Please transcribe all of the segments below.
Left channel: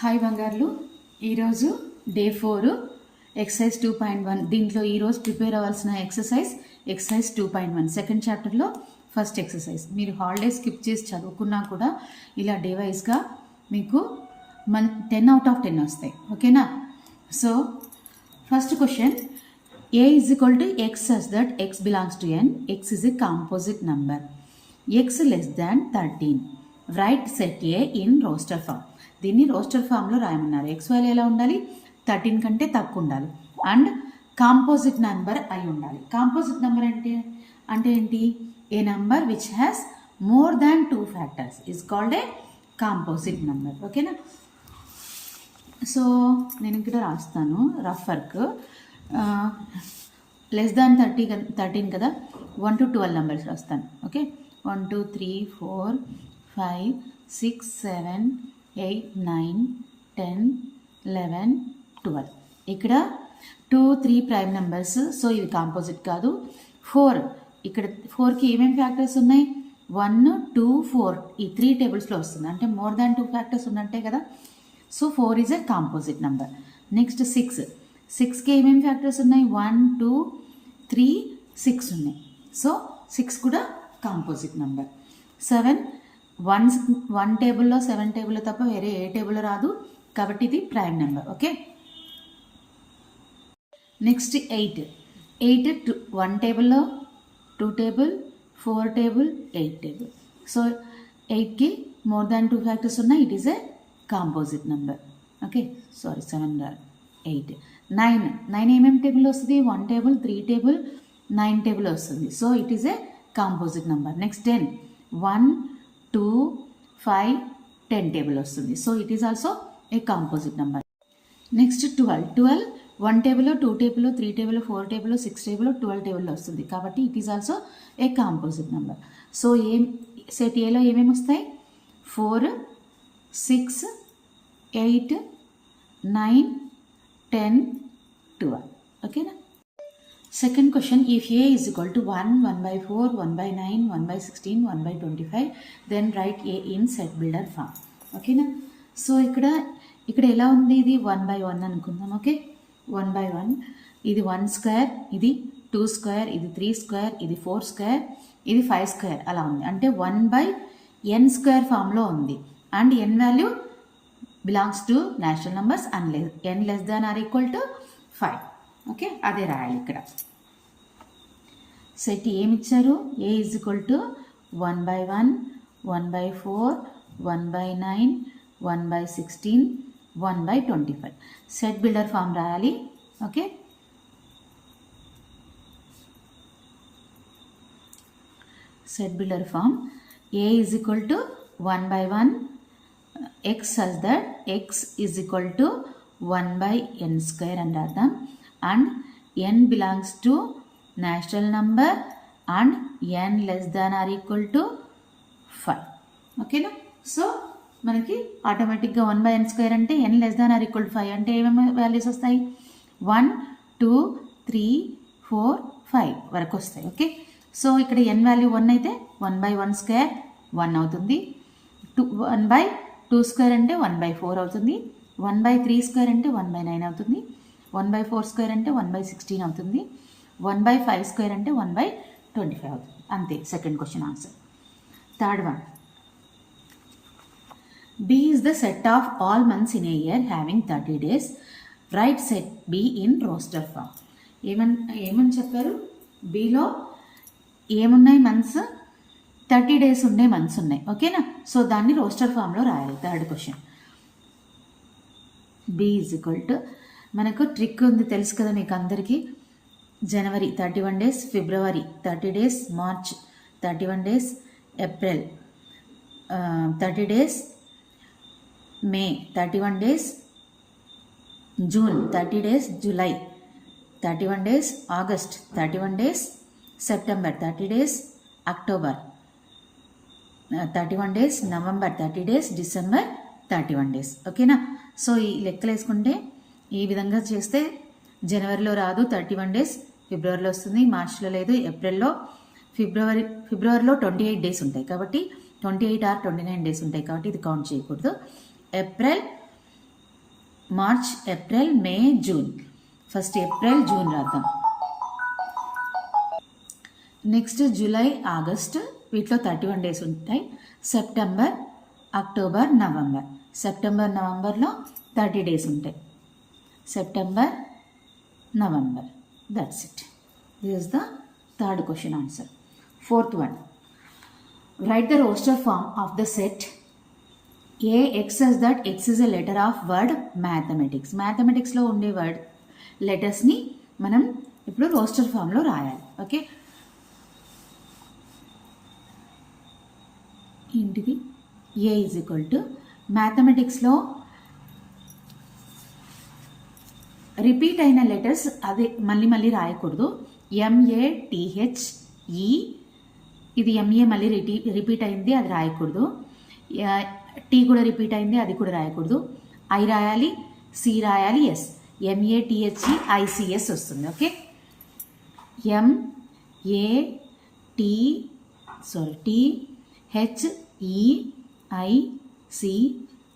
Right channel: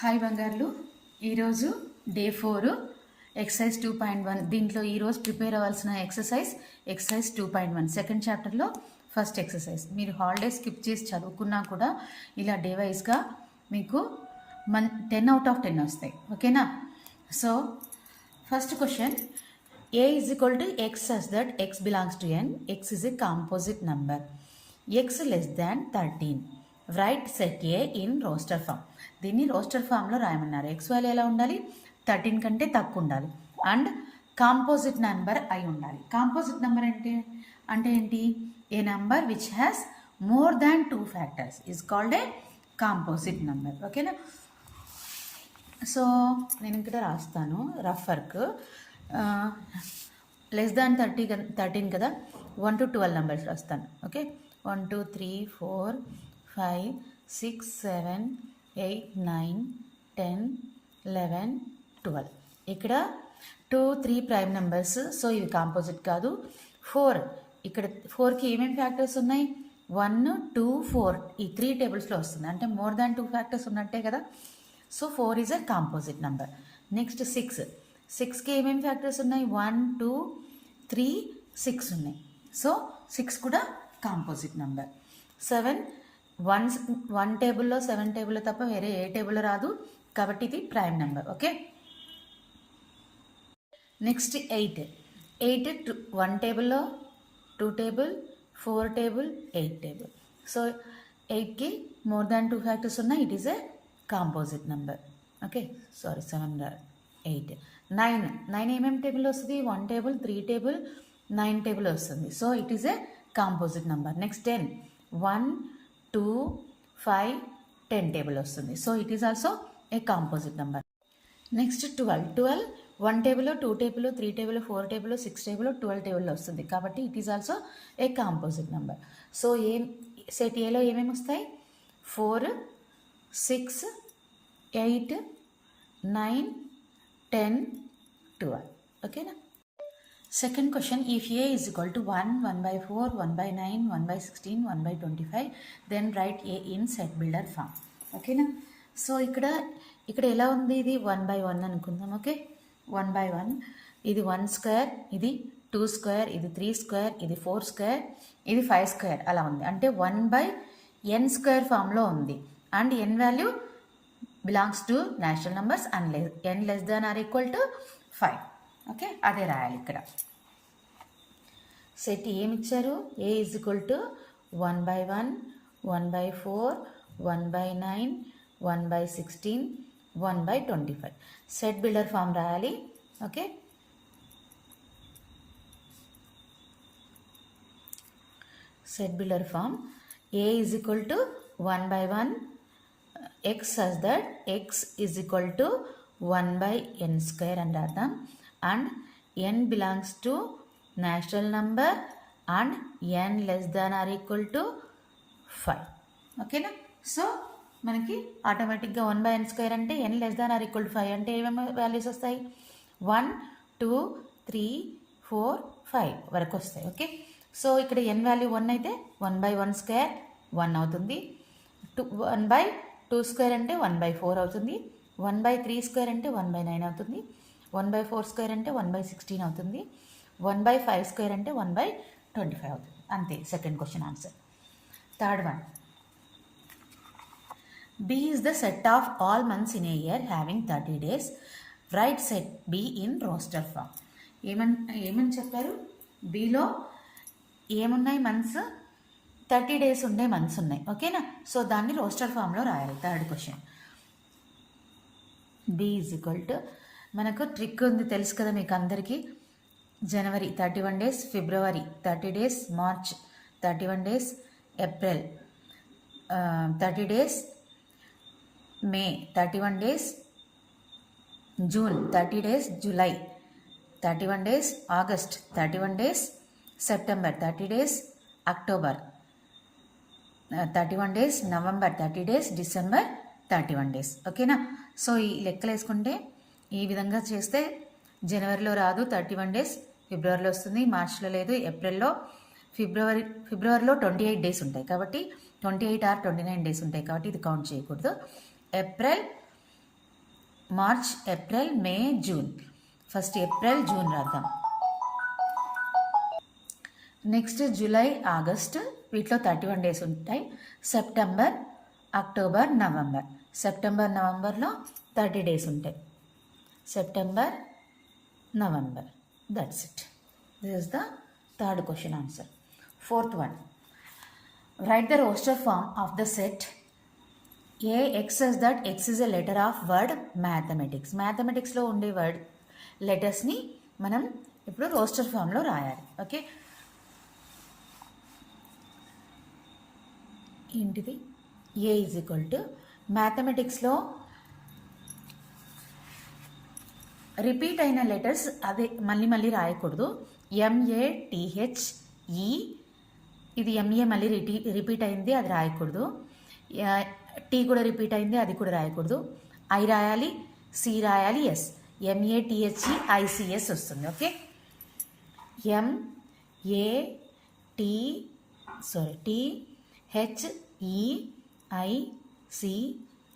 Hi బంగారులు, ఈరోజు day 4 exercise 2.1. దీంట్లో ఈరోజు ప్రిపేర్ అవ్వాల్సిన ఎక్సర్సైజ్ 2.1 సెకండ్ చాప్టర్లో ఫస్ట్ ఎక్సర్సైజ్. మీరు హాలిడేస్ స్కిప్ చేసి చదువుకున్నా కూడా ఇలా డే వైజ్గా మీకు 10/10 వస్తాయి. ఓకేనా? So first question, a is equal to x such that x belongs to n, x is a composite number, x less than 13. Write set A in roster form. దీన్ని రోస్టర్ ఫామ్లో రాయమన్నారు. ఎక్స్ వాల్యూ ఎలా ఉండాలి? 13 కంటే తక్కువ ఉండాలి అండ్ కాంపోజిట్ నెంబర్ అయి ఉండాలి. కాంపోజిట్ నెంబర్ అంటే ఏంటి? A number which has more than 2 factors is called a composite number. ఓకేనా? సో నేను ఇక్కడ రాస్తాను రఫ్ వర్క్. లెస్ దాన్ 13 కదా, 1 to 12 నెంబర్స్ రాస్తాను. ఓకే, 1 2 3 4 5 6 7 8 9 10 11 12. ఇక్కడ 2 3 ప్రైమ్ నెంబర్స్. సో ఇవి కాంపోజిట్ కాదు. 4, ఇక్కడ 4కి ఏమేమి ఫ్యాక్టర్స్ ఉన్నాయి? 1 2 4 ఈ 3 టేబుల్స్లో వస్తుంది. అంటే మోర్ దాన్ 2 ఫ్యాక్టర్స్ ఉన్నట్టే కదా. So 4 is a composite number. Next 6కి ఏమేమి ఫ్యాక్టర్స్ ఉన్నాయి? 1 2 3 6 ఉన్నాయి. సో 6 కూడా కాంపోజిట్ నెంబర్. 7 1 టేబుల్లో 7 టేబుల్లో తప్ప వేరే ఏ టేబుల్లో రాదు కాబట్టి ఇది ప్రైమ్ నెంబర్. ఓకే, నెక్స్ట్ 8 1 టేబుల్లో 2 టేబుల్ 4 టేబుల్ 8 టేబుల్. సో 8కి మోర్ దాన్ 2 ఫ్యాక్టర్స్ ఉన్నాయి. It is a composite number. Okay, sorry 7 8. 9 ఏమేమి టేబుల్లో వస్తుంది? 1 టేబుల్ 3 టేబుల్ 9 టేబుల్ వస్తుంది. So it is a composite number. Next 10 1 2 5 10 table వస్తుంది. So it is also a composite number. Next 12 1 టేబుల్లో 2 టేబుల్లో 3 టేబుల్లో 4 టేబుల్లో 6 టేబుల్లో 12 టేబుల్లో వస్తుంది కాబట్టి it is also a composite number. So set ఏలో ఏమేమి వస్తాయి? 4 6 8 9 10 12. ఓకేనా? Second question, if A is equal to 1 1/4 1/9 1/16 1/25 then write A in set builder form. ఓకేనా? సో ఇక్కడ ఎలా ఉంది? ఇది 1/1 అనుకుందాం. ఓకే, 1/1. ఇది 1 స్క్వేర్, ఇది 2 స్క్వేర్, ఇది 3 స్క్వేర్, ఇది 4 స్క్వేర్, ఇది 5 స్క్వేర్ అలా ఉంది. అంటే 1/n స్క్వేర్ ఫామ్లో ఉంది. And n value belongs to natural numbers and n less than or equal to 5. Okay, అదే రాయాలి ఇక్కడ. సెట్ ఏమి ఇచ్చారు? A is equal to 1/1 1/4 1/9 1/16 1/25. Set builder form రాయాలి. Okay, set builder form A is equal to 1/1 x such that x is equal to 1/n square అని రాద్దాం. And n belongs to natural number and n less than or equal to 5. ఓకేనా? So మనకి ఆటోమేటిక్గా 1/n square అంటే n less than or equal to 5 అంటే ఏమేమి values వస్తాయి? 1 2 3 4 5 వరకు వస్తాయి. ఓకే, సో ఇక్కడ n వాల్యూ 1 అయితే 1/1 స్క్వేర్ 1 అవుతుంది. 1/2 స్క్వేర్ అంటే 1/4 అవుతుంది. 1/3 స్క్వేర్ అంటే 1/9 అవుతుంది. 1/4 స్క్వేర్ అంటే 1/16 అవుతుంది. 1/5 స్క్వేర్ అంటే 1/25 అవుతుంది. అంతే second question answer. Third one, B is the set of all months in a year having 30 days. Write set B in roster form. ఏమని చెప్పారు? Bలో ఏమున్నాయి? మంత్స్ 30 డేస్ ఉండే మంత్స్ ఉన్నాయి. ఓకేనా? సో దాన్ని రోస్టర్ ఫామ్లో రాయాలి. Third question, B is equal to, మనకు ట్రిక్ ఉంది తెలుసు కదా మీకు అందరికీ. January 31 days, February 30 days, March 31 days, April 30 days, May 31 days, June 30 days, July 31 days, August 31 days, September 30 days, October 31 days, November 30 days, December 31 days. ఓకేనా? So ఈ లెక్కలు వేసుకుంటే ఈ విధంగా చేస్తే జనవరిలో రాదు 31 డేస్, ఫిబ్రవరిలో వస్తుంది, మార్చ్లో లేదు, ఏప్రిల్లో, ఫిబ్రవరిలో 28 డేస్ ఉంటాయి కాబట్టి 28 or 29 డేస్ ఉంటాయి కాబట్టి ఇది కౌంట్ చేయకూడదు. ఏప్రిల్ మార్చ్, ఏప్రిల్, మే, జూన్. ఫస్ట్ ఏప్రిల్, జూన్ రాద్దాం. నెక్స్ట్ జూలై, ఆగస్ట్, వీటిలో 31 డేస్ ఉంటాయి. September, October, November. సెప్టెంబర్, నవంబర్లో 30 డేస్ ఉంటాయి. September, November. That's it. This is the third question answer. Fourth one, write the roster form of the set A x says that ఎక్స్ is a letter of word mathematics. మ్యాథమెటిక్స్లో ఉండే word లెటర్స్ని మనం ఇప్పుడు roster ఫామ్లో రాయాలి. Okay, ఏంటిది? ఏ is equal to మ్యాథమెటిక్స్లో repeat అయిన letters అదే మళ్ళీ రాయకూడదు. MATHE, ఇది MA మళ్ళీ రిపీట్ అయింది, అది రాయకూడదు. టీ కూడా రిపీట్ అయింది, అది కూడా రాయకూడదు. ఐ రాయాలి, సి రాయాలి, ఎస్. MATHEICS వస్తుంది. Okay,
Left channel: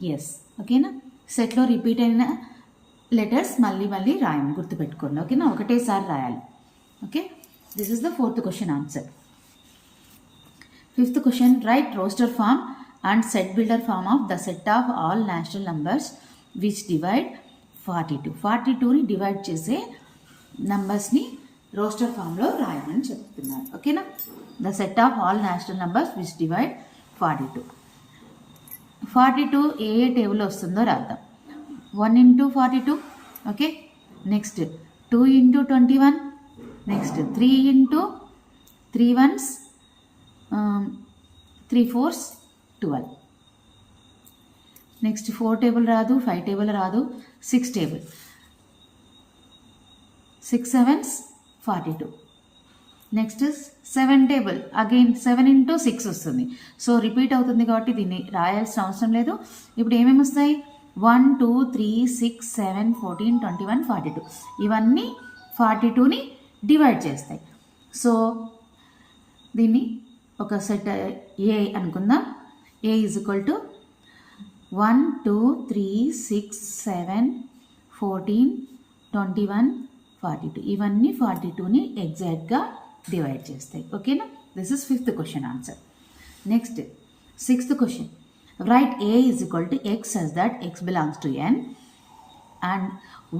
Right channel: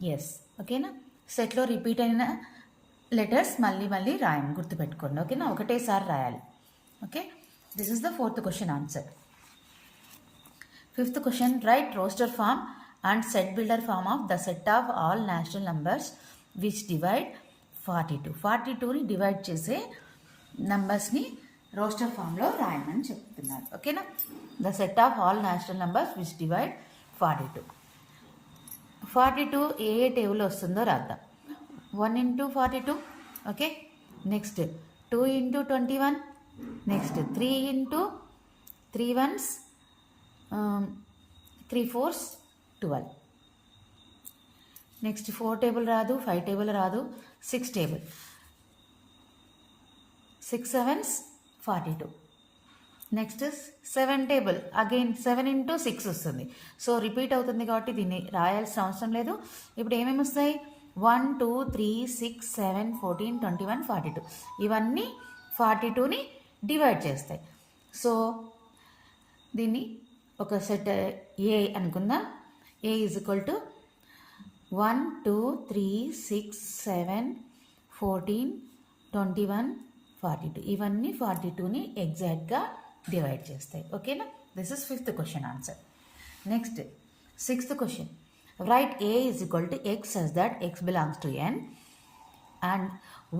THEICS. ఓకేనా? సెట్లో రిపీట్ అయిన లెటర్స్ మళ్ళీ రాయండి, గుర్తుపెట్టుకోండి. ఓకేనా? ఒకటేసారి రాయాలి. Okay, this is the fourth question answer. Fifth question, write roster form and set builder form of the set of all natural numbers which divide 42. 42ని డివైడ్ చేసే నంబర్స్ని రోస్టర్ ఫామ్లో రాయమని చెప్తున్నారు. ఓకేనా? The set of all natural numbers which divide 42. 42 ఏ టేబుల్లో వస్తుందో రాద్దాం. 1 into 42. Okay, next 2 into 21. Next 3 into 3 ones, 3 fours, 12. Next 4 table రాదు, 5 టేబుల్ రాదు, 6 table. 6 sevens 42. Next 7 table, again 7 into 6 వస్తుంది. సో రిపీట్ అవుతుంది కాబట్టి దీన్ని రాయాల్సిన అవసరం లేదు. ఇప్పుడు ఏమేమి వస్తాయి? 1, 2, 3, 6, 7, 14, 21, 42. ఇవన్నీ 42ని డివైడ్ చేస్తాయి. సో దీన్ని ఒక సెట్ ఏ అనుకుందాం. ఏ ఈజ్ ఈక్వల్ టు 1, 2, 3, 6, 7, 14, 21, 42. ఇవన్నీ 42ని ఎగ్జాక్ట్గా డివైడ్ చేస్తాయి. ఓకేనా? This is fifth question answer. Next sixth question, right A is equal to x as that x belongs to n and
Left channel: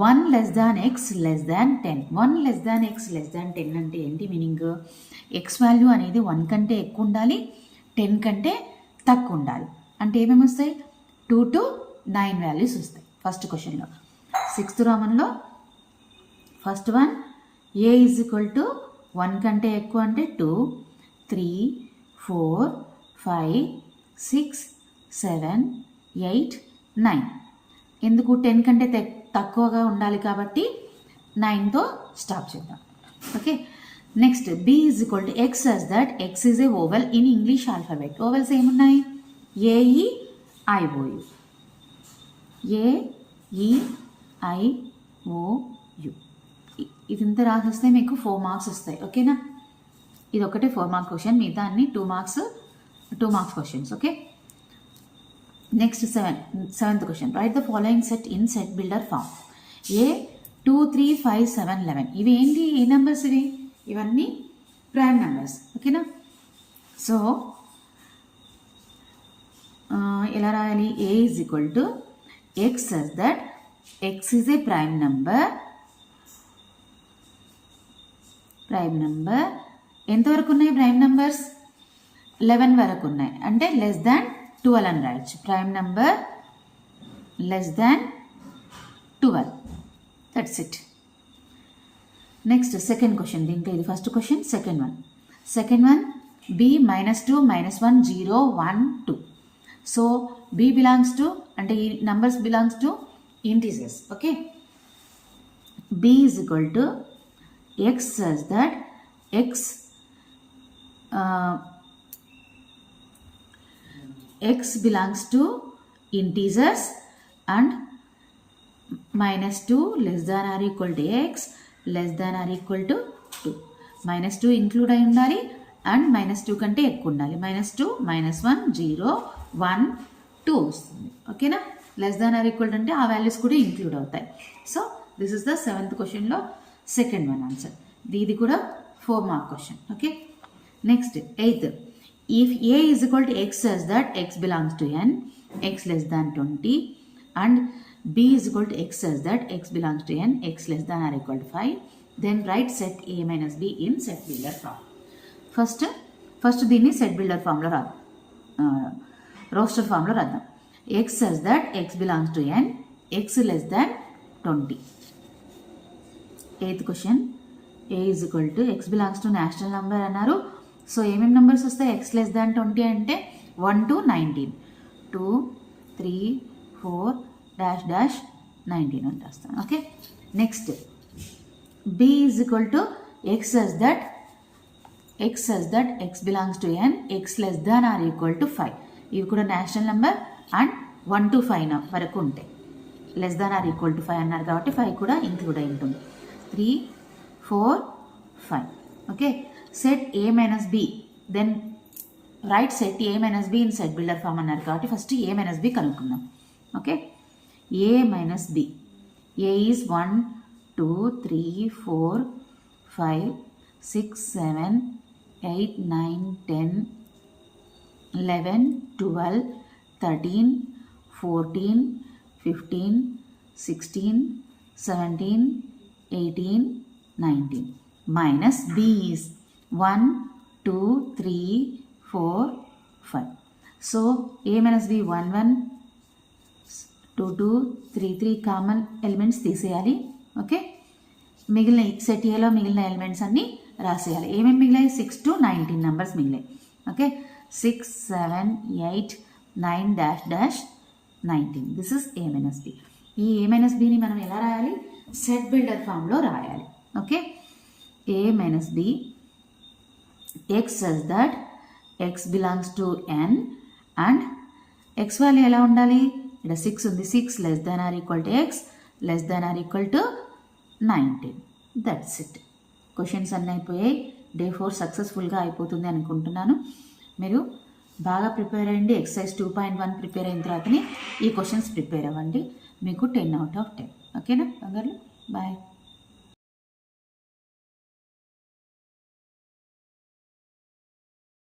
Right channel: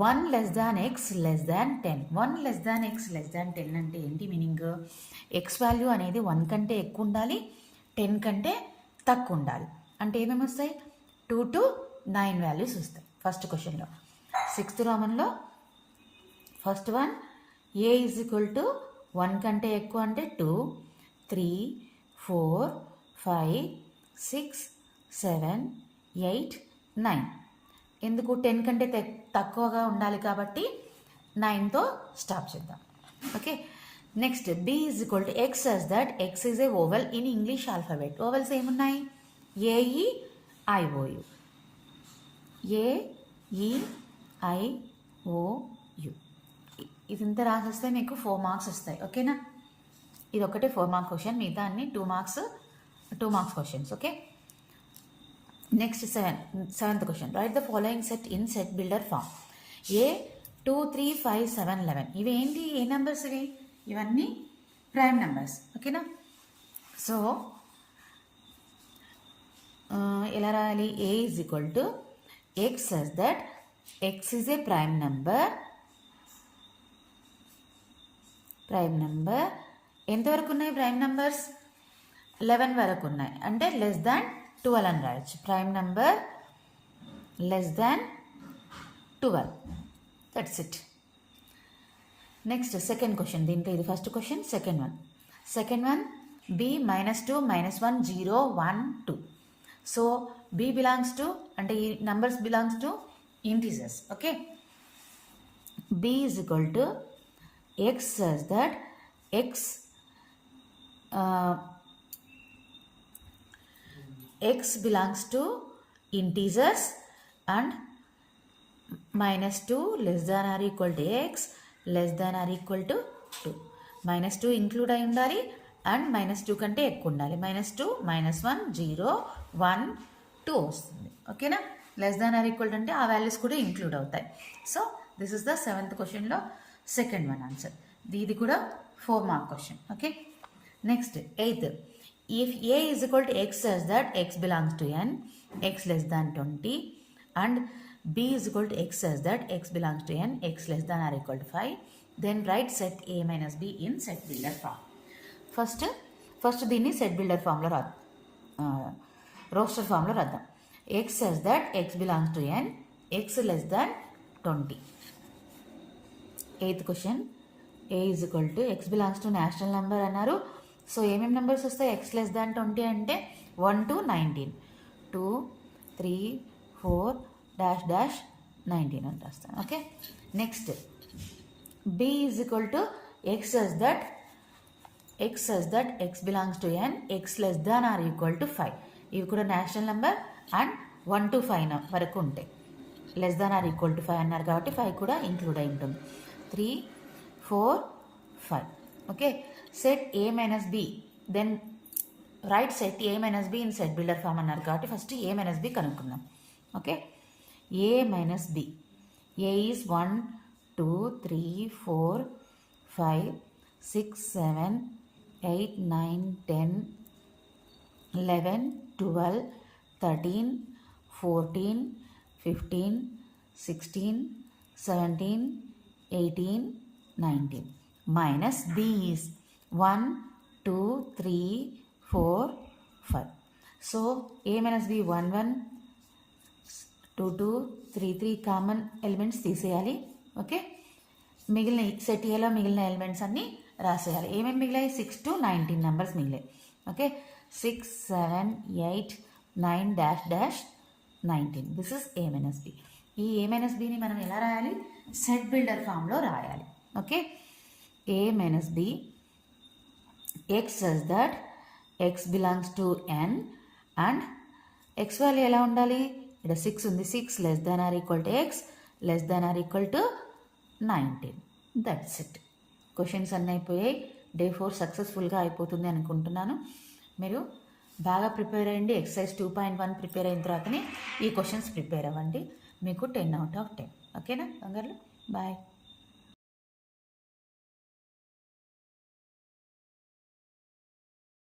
1 less than x less than 10. 1 less than x less than 10 అంటే ఏంటి meaning? X value అనేది 1 కంటే ఎక్కువ ఉండాలి, 10 కంటే తక్కువ ఉండాలి. అంటే ఏమేమి వస్తాయి? 2 to 9 వాల్యూస్ వస్తాయి ఫస్ట్ క్వశ్చన్లో. సిక్స్త్ రామన్లో first one, a is equal to 1 కంటే ఎక్కువ అంటే 2, 3, 4, 5, 6, 7, 8, 9. ఎందుకు? 10 కంటే తక్కువగా ఉండాలి కాబట్టి 9తో స్టాప్ చేద్దాం. Okay, next B is equal to x as that x is a vowel in English alphabet. Vowels ఏమున్నాయి? AE IOU. AE IOU. ఇదంతా రాసేస్తే మీకు 4 మార్క్స్ వస్తాయి. ఓకేనా? ఇది ఒకటే 4 మార్క్ క్వశ్చన్, మిగతా అన్ని 2 marks questions. Okay, next seventh question, write the following set in set builder form. A 2, 3, 5, 7, 11. ఇవి ఏంటి? ఏ నెంబర్స్ ఇవి? ఇవన్నీ ప్రైమ్ నెంబర్స్. ఓకేనా? సో ఎలా రాయాలి? A is equal to x as that x is a prime number. ఎంతవరకు ఉన్నాయి prime numbers? 11 వరకు ఉన్నాయి. అంటే లెస్ దాన్ 12 అని రాయొచ్చు. Prime number less than 12. That's it. Next second question, దీంట్లో ఇది first question. Second one b -2 -1 0 1 2. So b belongs to, అంటే ఈ numbers belongs to integers. Okay, b is equal to x as that x belongs to integers and -2 less than or equal to x less than or equal to 2. -2 include అయి ఉండాలి and -2 కంటే ఎక్కువ ఉండాలి. -2 -1 0 1 2 వస్తుంది. ఓకేనా? Less than or equal అంటే ఆ values కూడా ఇంక్లూడ్ అవుతాయి. So this is the 7th క్వశ్చన్లో సెకండ్ వన్ ఆన్సర్. ఇది కూడా 4 mark question. Okay, next 8th. If A is equal to X such that X belongs to N, X less than 20, and B is equal to X such that X belongs to N, X less than or equal to 5, then write set A minus B in set builder form. First దీన్ని set builder ఫామ్లో రాద్దాం, roster ఫామ్లో రాద్దాం. X such that X belongs to N, X less than 20. 8th question. A is equal to X belongs to national number అన్నారు. So ఏమేమి numbers వస్తాయి? X less than 20 అంటే 1 to 19, 2, 3, 4, dash dash 19 అని రాస్తాను. Okay, next B is equal to X such that X belongs to N, X less than or equal to 5. ఇవి కూడా national number and 1 to 5 వరకు ఉంటాయి. Less than or equal to 5 అన్నారు కాబట్టి 5 కూడా include అయి ఉంటుంది. 3, 4, 5. Okay, set A minus B, then write set A minus B in set builder form అన్నారు కాబట్టి ఫస్ట్ A minus B కనుక్కుందాం. Okay, A minus B. A is 1, 2, 3, 4, 5, 6, 7, 8, 9, 10, 11, 12, 13, 14, 15, 16, 17, 18, 19. Minus B is 1, 2, 3, 4, 5. So A minus B 1, 1, 2, 2, 3, 3 common elements తీసేయాలి. Okay, మిగిలిన set ఏలో మిగిలిన elements అన్నీ రాసేయాలి. ఏమేమి మిగిలాయి? 6 to 19 నెంబర్స్ మిగిలాయి. Okay, 6, 7, 8, 9 dash dash 19. This is A minus B. ఈ A minus Bని మనం ఎలా రాయాలి? సెట్ బిల్డర్ ఫామ్లో రాయాలి. Okay, A minus B, X such that X belongs to N and X value ఎలా ఉండాలి? ఇక్కడ 6 ఉంది. 6 less than or equal to X less than or equal to 19. That's it. Questions అన్నీ అయిపోయాయి. డే 4 సక్సెస్ఫుల్గా అయిపోతుంది అనుకుంటున్నాను. మీరు బాగా ప్రిపేర్ అయ్యండి. ఎక్సర్సైజ్ 2.1 ప్రిపేర్ అయిన తర్వాతనే ఈ క్వశ్చన్స్ ప్రిపేర్ అవ్వండి. మీకు 10 out of 10. ఓకేనా బంగారు? బాయ్.